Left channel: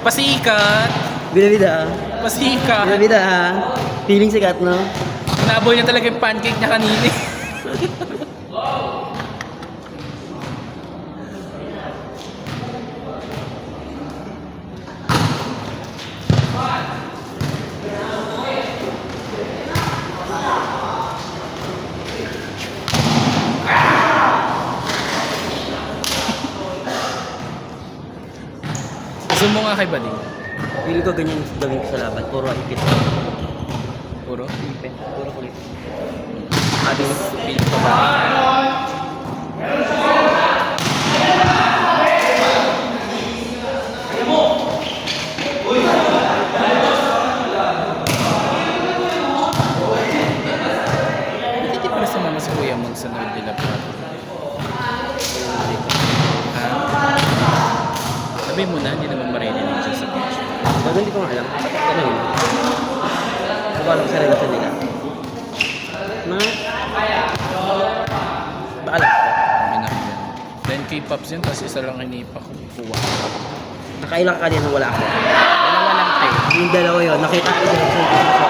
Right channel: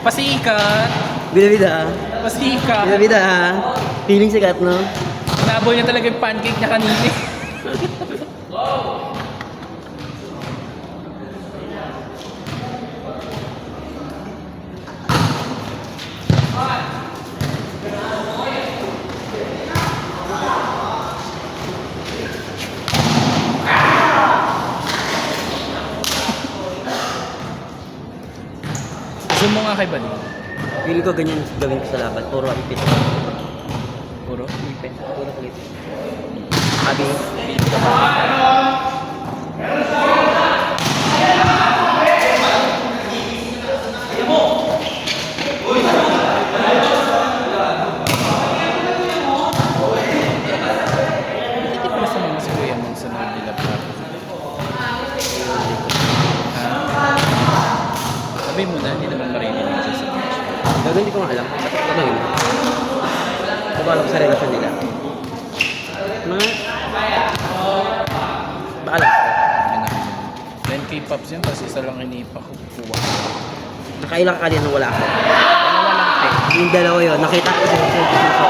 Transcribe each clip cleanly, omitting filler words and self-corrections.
Pasikat. Bida-bida. Pasikat. Bida-bida ha. Feeling sikat, no? Naboy na talaga yung pancake niya kanina. Zoom mo nga kay Bali. Feeling ko ganyan gawin ko sa laban. Puro ipit. Puro. Ipit. Puro kulit. Sabi mo. Hindi ko sa mga si Kuya Man sa nagdilap na. Sabi mo na, hindi naman marinig siya sa page. Bago hindi ko nga alam. Ano yun? Hindi ko alam sa relasyon nila. Mga... Ba alam ko? Ano yun? Then K-pops yun, tapos isa lang hinipa ko. Kuha. Nakailang ka kanina wala ako. Dalawa lang po. Yung dalawa yun, nakita ko sila.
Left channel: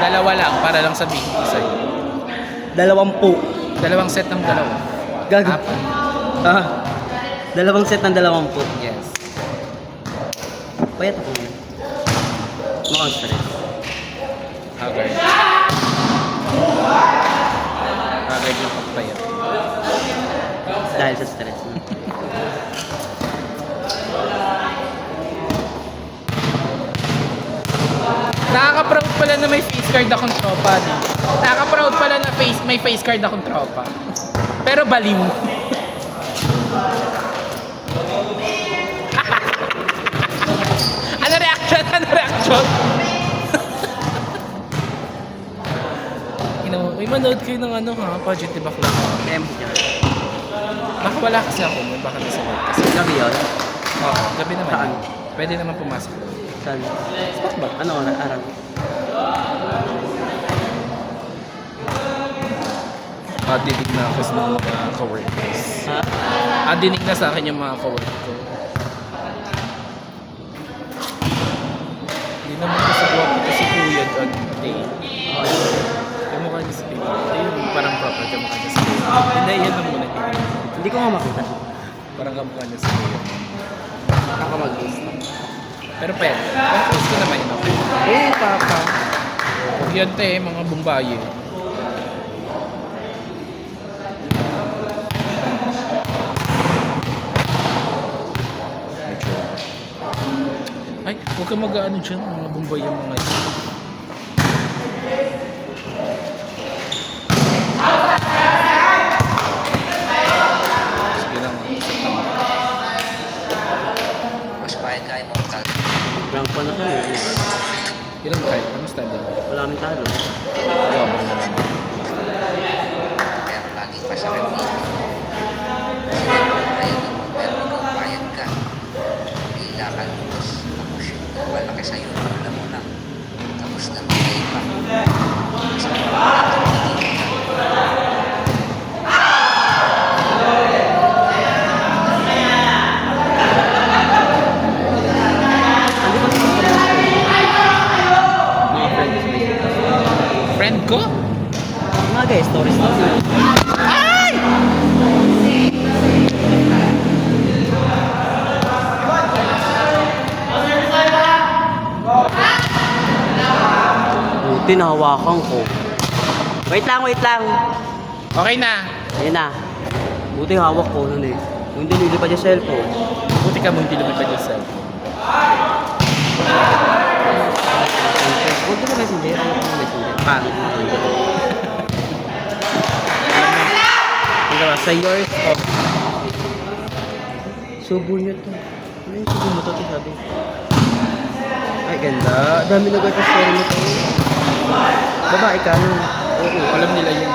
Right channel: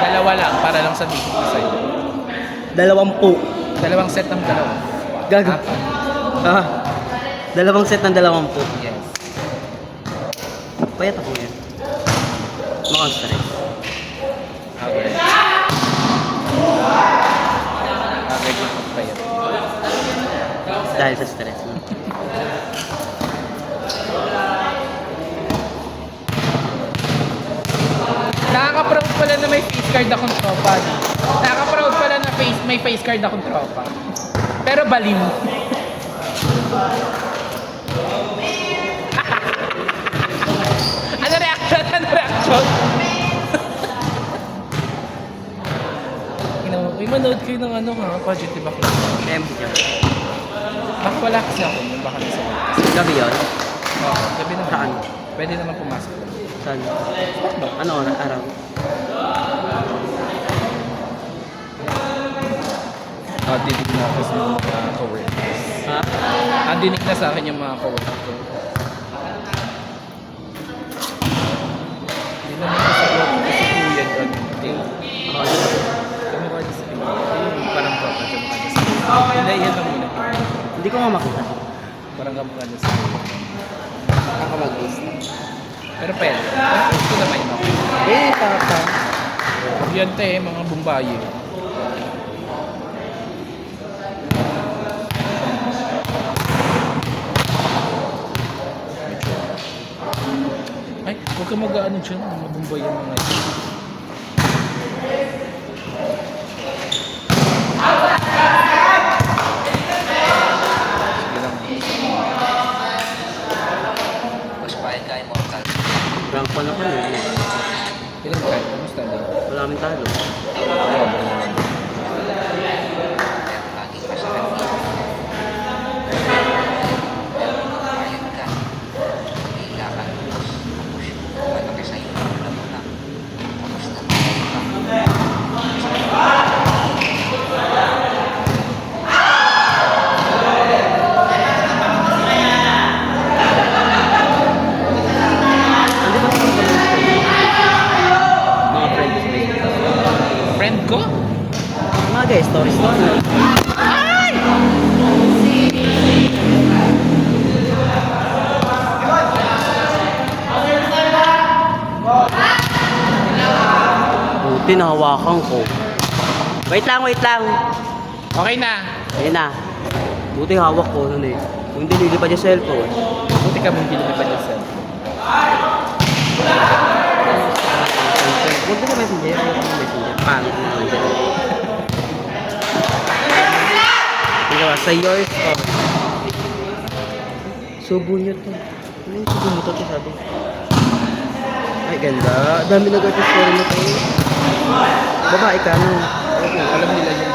Dalawa lang, para lang sabihin ko isa. 20. Dalawang set ng dalawa. Gago. Apat. Ah. Dalawang set ng 20. Yes. Payat ako ngayon. Mukhang stress. Okay. Okay, din po tayo. Dahil sa stress. No? Nakaka-proud pala na may face card akong tropa. Nakaka-proud pala na may face card akong tropa. Pero baliw. Ano reaction? Ano reaction? Uy, manood kayo ng ano ha, Project Diba Club? MB ka. Nakawala kasi ako nung baka nasa loob kasi. Gabi yun? Gabi naman. Saan? Pwede naman pumasok. Saan? Spot ba? Ano araw? Dinig na ako sa mga coworkers. Ha? Dinig na sa akin yung mga coworkers ko. Hindi naman ko sa work ko si Kuya John. Oo, yun. Kamukha niya si Kuya. Yung parang proper kamukha niya si Kuya. Hindi, yun ang muna. Hindi ko nga makita. Parang kamukha niya si Kuya. Ako mag-gusto. Pero pwede. Gusto naman yun. Papa. Yan te, mga bumbayo. Ay, huwag ka mag-ano dyan. Mga bumbay yung mga ito. Sige lang. Rank pa na kami. Ilan ka? Kamusta din? Wala kaming talo. Hindi pa naman kami. Mga friends ko. Friend ko? Mga guys, story. Buti nahawakan ko. Wait lang. Okay na. Ayun na. Buti hawak ko nun eh. Kung hindi pa yung cellphone. Buti ka mong pinili pa niya cellphone. Huwag mo na messenger. Ayaw ko ng messenger. Pangit na messenger. Diba, sa yours of... Subo niya to. Ano yung subo mo to? Sabi. Ay, ganda. Dami na ganda story mo to. Babae ka, no? Oo, alam nila yun.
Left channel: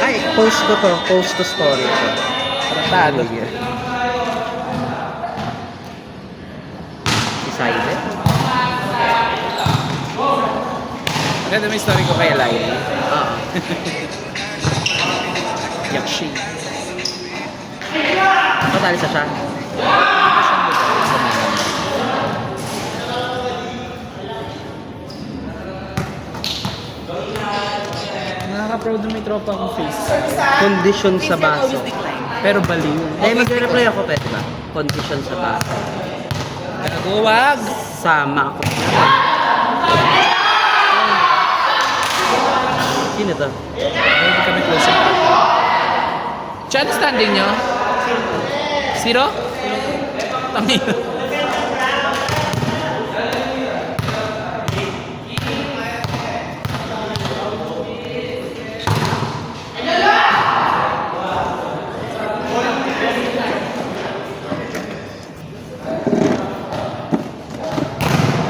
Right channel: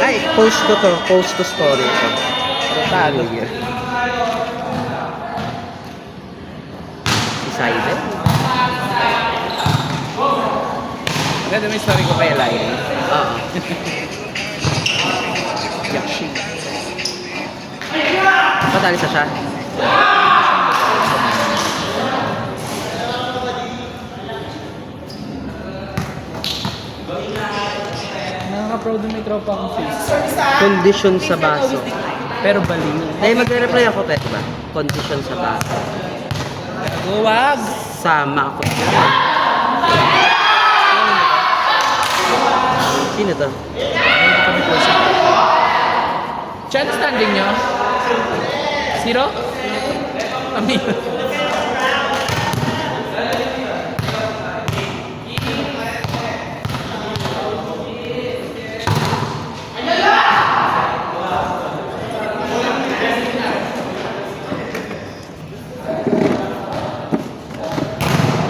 Ay, post ko to. Post ko story ito. Tratado. Decided? Ganda may story ko kay Lyra. Oo. Yakshi. Patali sa siya. Nakaka-proud na may tropa akong face. Condition sa baso. Pero baliw. Ay, magre-reply ako, pwede ba? Condition sa baso. Huwag! Sama ako. Sino to? Hindi kami close. Chat standing niya. Zero? Amin.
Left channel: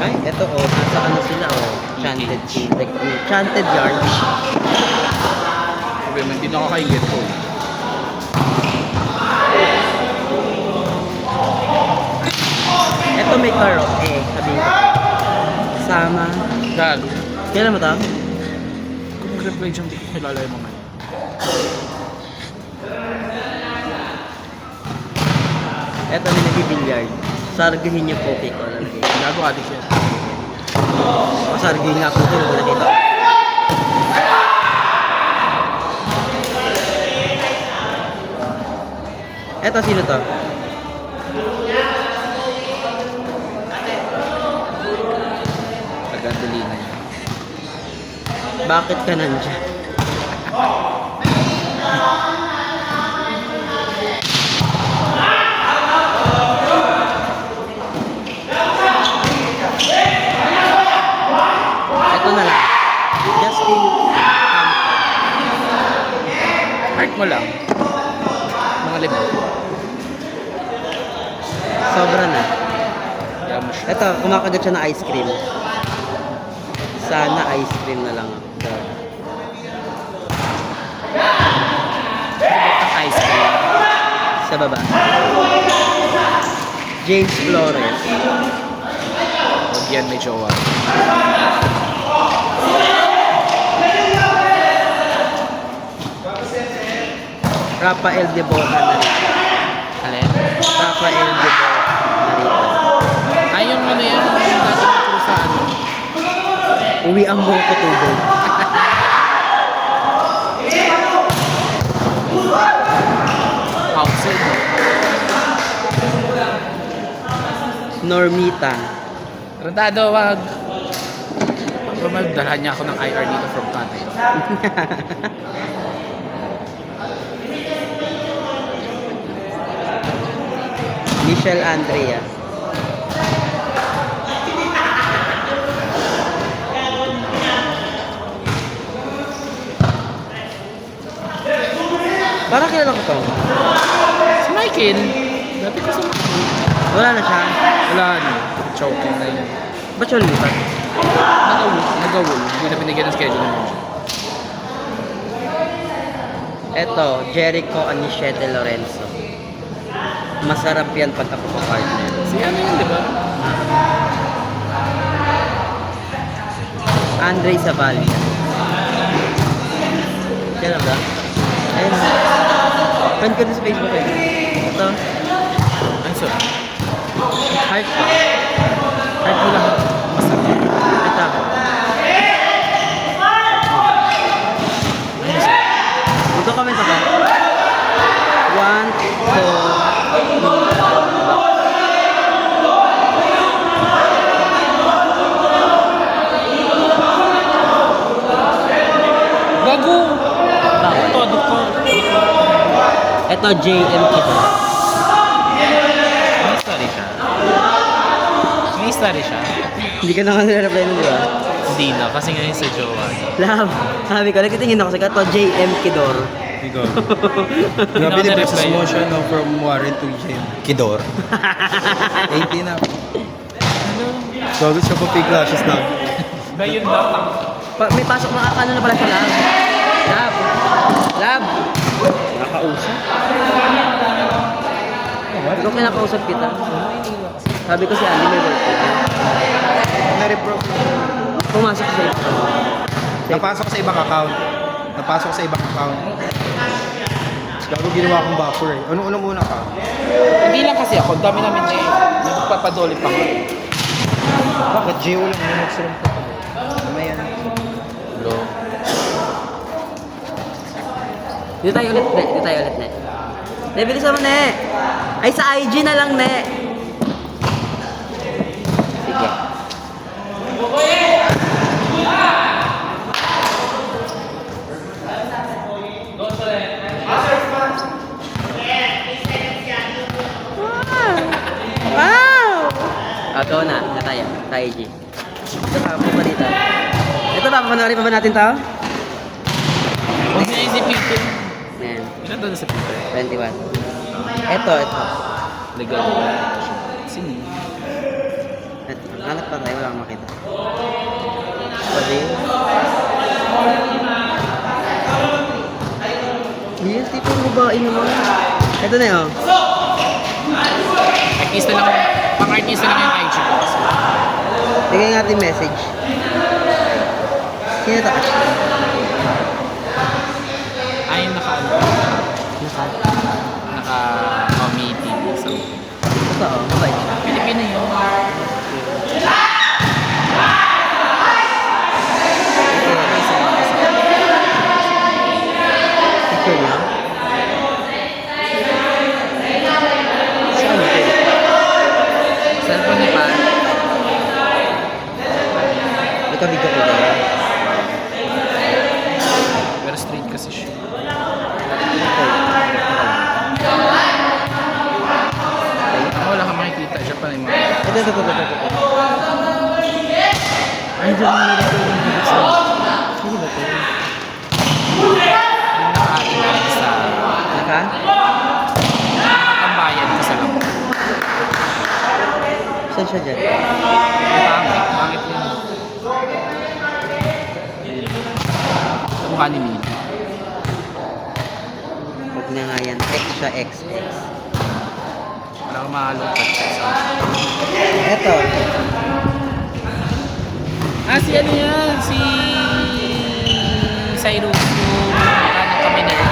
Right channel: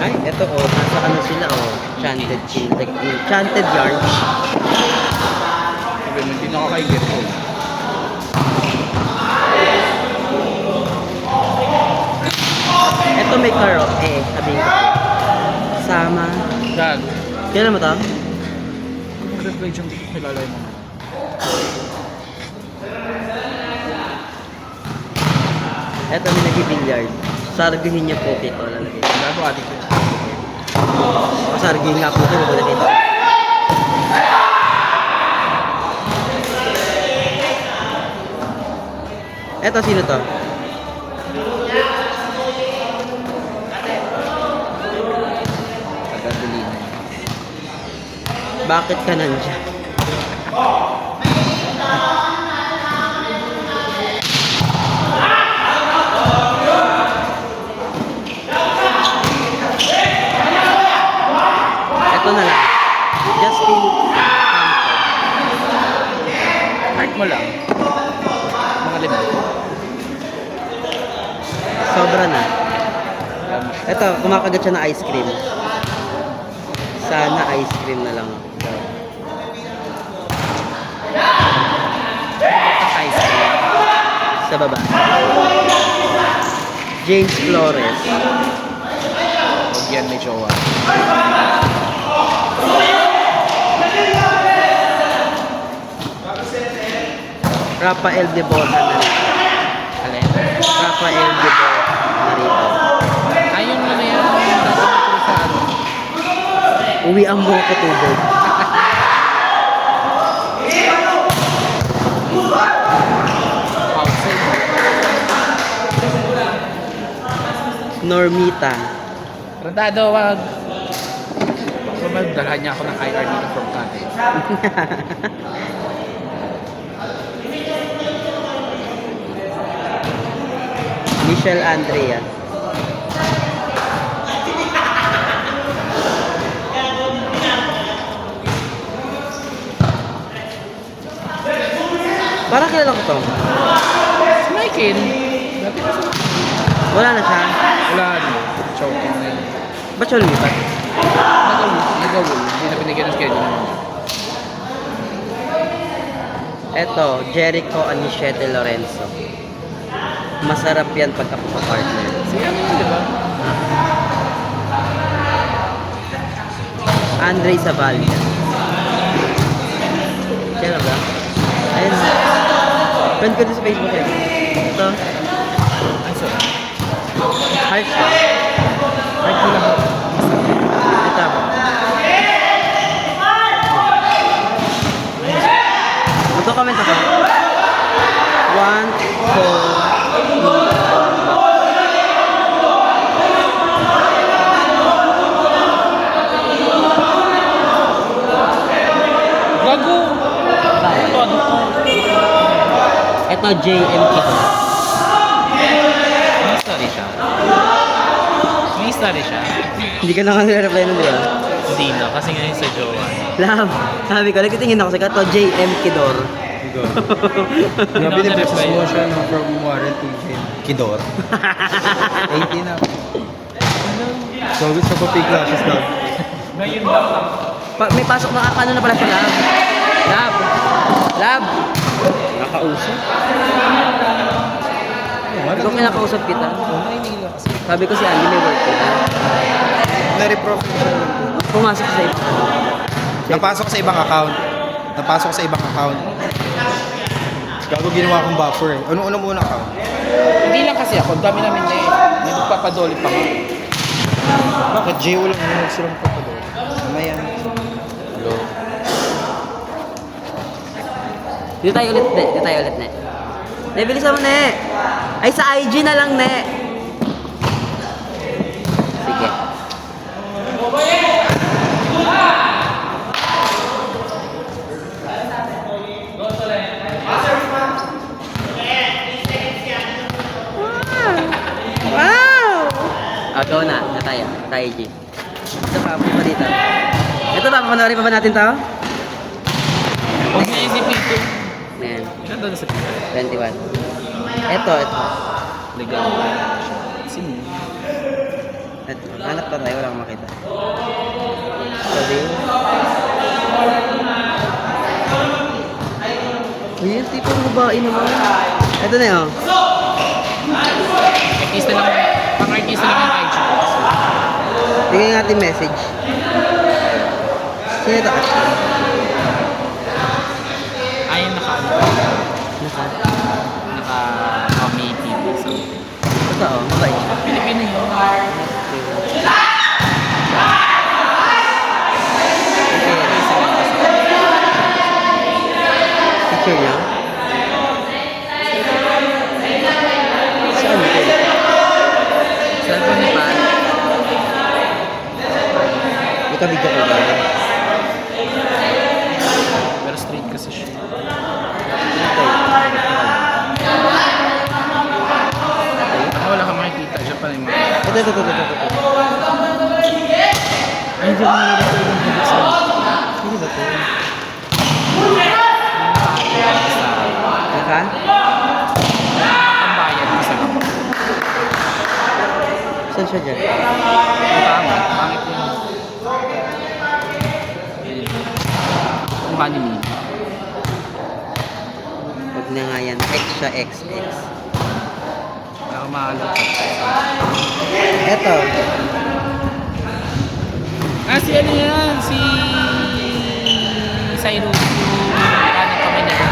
Ay, eto oh, nasa ano sila oh. Chanted Chanted yards. Okay, hindi na ako kaigit ko. Eto may karo, sabihin ko. Sama. Dag. Kailan mo to? Kung mag-reply dyan, hindi ko kilala yun. Eto may nag-billiard. Sarguhin niyo po ko lalagay. Gago adik yun. O sarguhin nga po ito, lalagay ito. Eto, sino to? Taga-Bulin. Bakit ka nandiyan? Ito na lang. Justin Campo. Heart mo lang. Mga lima. Sobra na. Wala mo siya. Ito, kumakagat siya ng ice cream. Sana ice cream na lang ako. Ice cream. Sa baba. James Flores. Huwag yan may jowa. Rafael de Borja na rin. Ano yan? Rafael de Borja na rin. Ayun mo na yan. Nasa ko sa ano. Uwi ang buong kutubog. Outside. Normita. Tratado, wag. So, magdalhan niya ako ng IR dito from tatay. Michelle Andrea. Parang kilala ko to. Si Michael. Dati ko sa Wala na siya. wala na. Choking na yun. Ba't siya lumipat? Nagawul. Hindi na binigyan ng schedule naman siya. Eto, Jericho Aniche de Lorenzo. Masarap yan pagkakapapartner. Si ano yun, diba? Andre Zavalya. Kaya ba? Ayun. Friend ko din sa Facebook eh. Ito, Ayun, so. heart ko. Kahit mo lang. Masarap. Ito. Magko-comment ako. 1, 2, Gago! Bawal. Todo ko. Ito, JM Kito. May story siya. May story siya. Hindi ka na kasi reply nun, di ba? Hindi na, kasi ngayon sa jowa. Love, sabi ko, nagtitingin ako sa kato, JM Kidor. Kidor. Grabe na business mo siya na from Warren to Kidor. 18 na. So, gusto ko pig glasses na. Ngayon lang. May pasok na ano na pala sa Love. Love. Love. Nakausap. Ikaw kinakausap kita. Sabi ko si Andy may work. Na-reprofit. Pumasok siya. Napasok sa ibang account. Bago ginawa akong buffer eh. Ano muna ka? Hindi lang kasi ako, dami namin na nagpapadoli pa nga. Bakit Geo lang yung nagsurong pa? Mamaya na. Hello. Dito tayo ulit, ne. Ne, bilisan mo, ne. Ay, sa IG na lang, ne. Sige. Wow! Ito na tayo. Sa IG. Ito pa pa dito. Ito ba, panoorin pa ba natin to? Huwag na isipin ko. Ayan. Siya doon sa Peter. 21. Ito. Legal. Sino? Ito. Hanap pa tayo, wala akong makita. Pwede. Ayun, tipo ng babae mo. Ito na yun. Artista lang, pang-artista lang yung IG. Bigyan natin message. Sino ito? Ayun naka-committee. So, Ito, mabait. yun mo. Picture niya. Saan ito? Cellphone ni Pa. Ito video ko ito. Pero straight kasi siya. Ito. Wala ka makikita. Siya pa rin mga... Ito. Ay, hindi ako nalilito yung pagkakasal. Ano ba ito? Naka? Ang bayan ng isa lang. Saan siya dyan? Ang tama. Bakit yun? Mukha ni Mimi. Huwag na nga yan. X siya, X. Wala akong mahalongkat sa Ito. si ano yan? Si Cyrus yung paano kami na rin.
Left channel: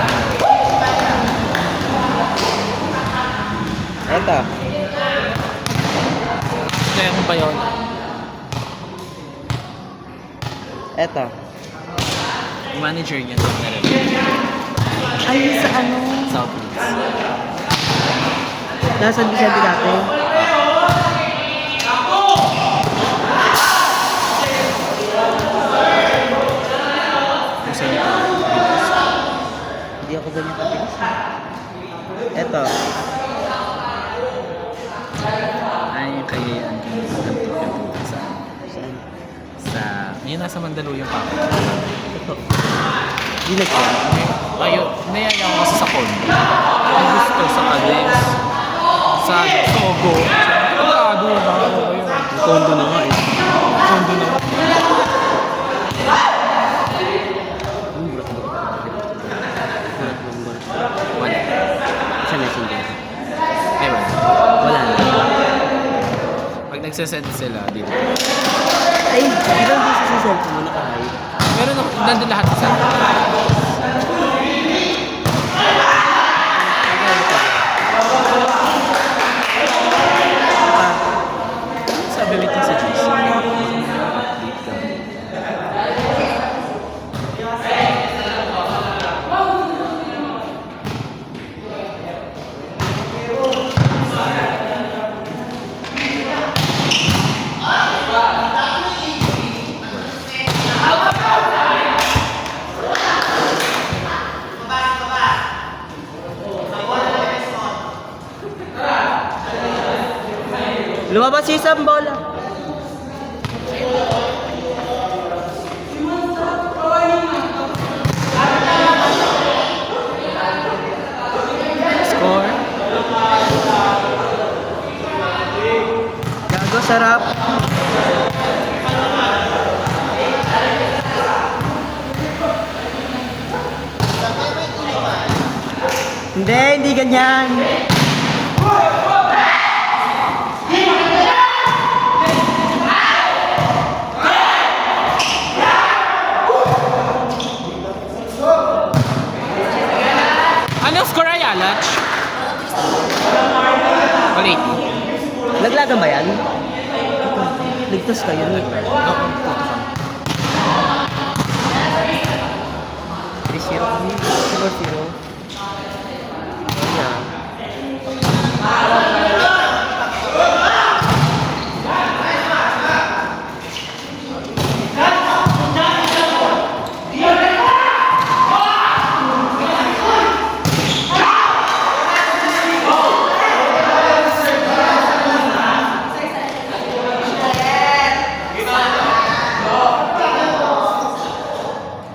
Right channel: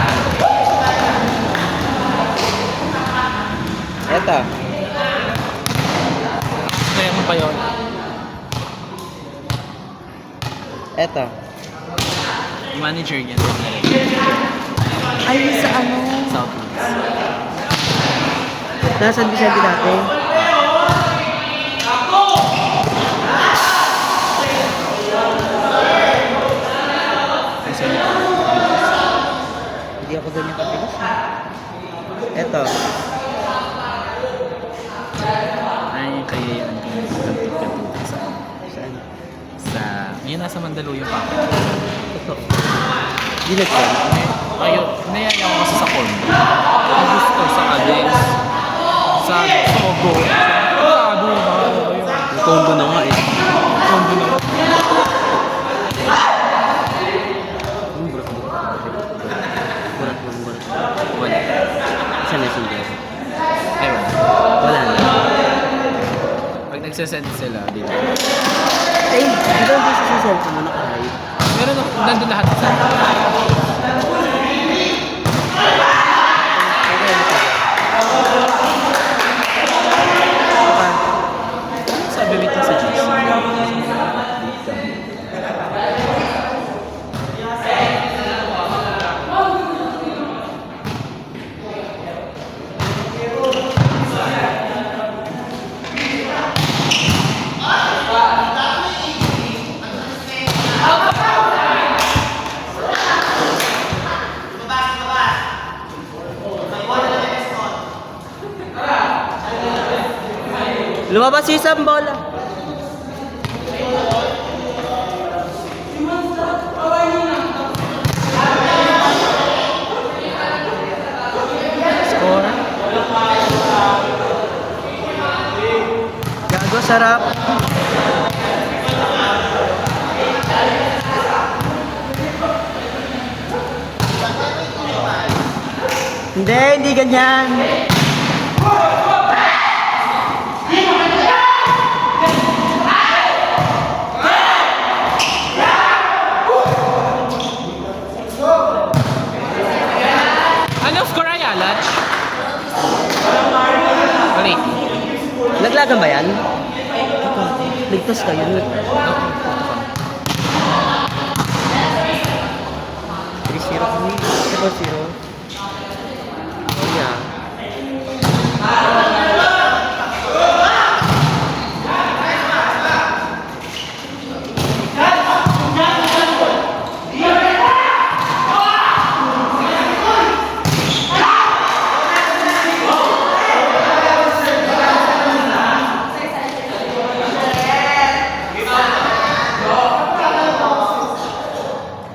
Ito. Kaya mo ba yun? Ito. Yung manager niya. Ay, sa ano? Southeast. Nasaan di sabi dati? Kasi niya. Hindi ako doon nakatilas. Ito. Ay, kaya yan. Kantot-kantot sa... Saan? Sa... Ayun, nasa Mandaluyong pa ako. Ito. Dilag ko. Ayun, nayaya ko kasi sa condo. Ang gusto sa Alex. Sa Sogo. Sa Bago. Kondo na nga eh. Condo na. Wala. Sa messenger. Ay, wala. Wala na. Pag nagsasend sila, di ba? Ay, di ba hindi sa cellphone mo naka-hide? Meron na, nandun lahat sa sabi wait lang sa GC. Lumabas yung isang bola. Score. Gago, sarap. Hindi ganyan. Alis tayo. Ako, tuto ka. 3-0 kami. 0-0. Oh yeah.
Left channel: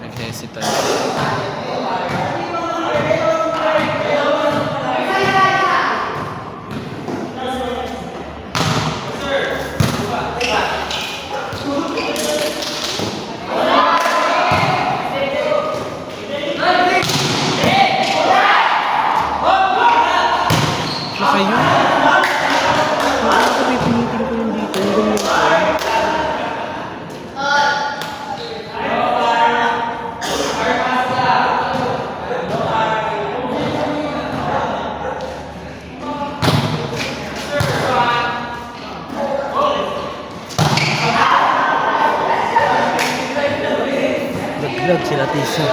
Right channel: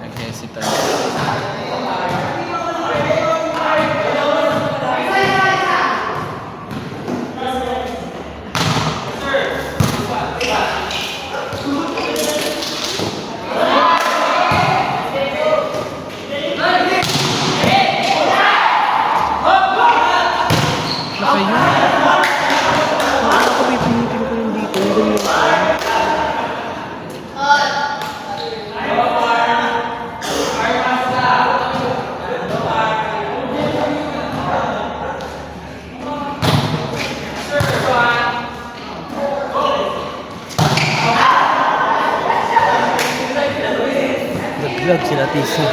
Nag-hesitate. Laki yun. Ako may pinitilo ko yung dito. Ang ganyan ko. Nag-vlog sila, Tisa.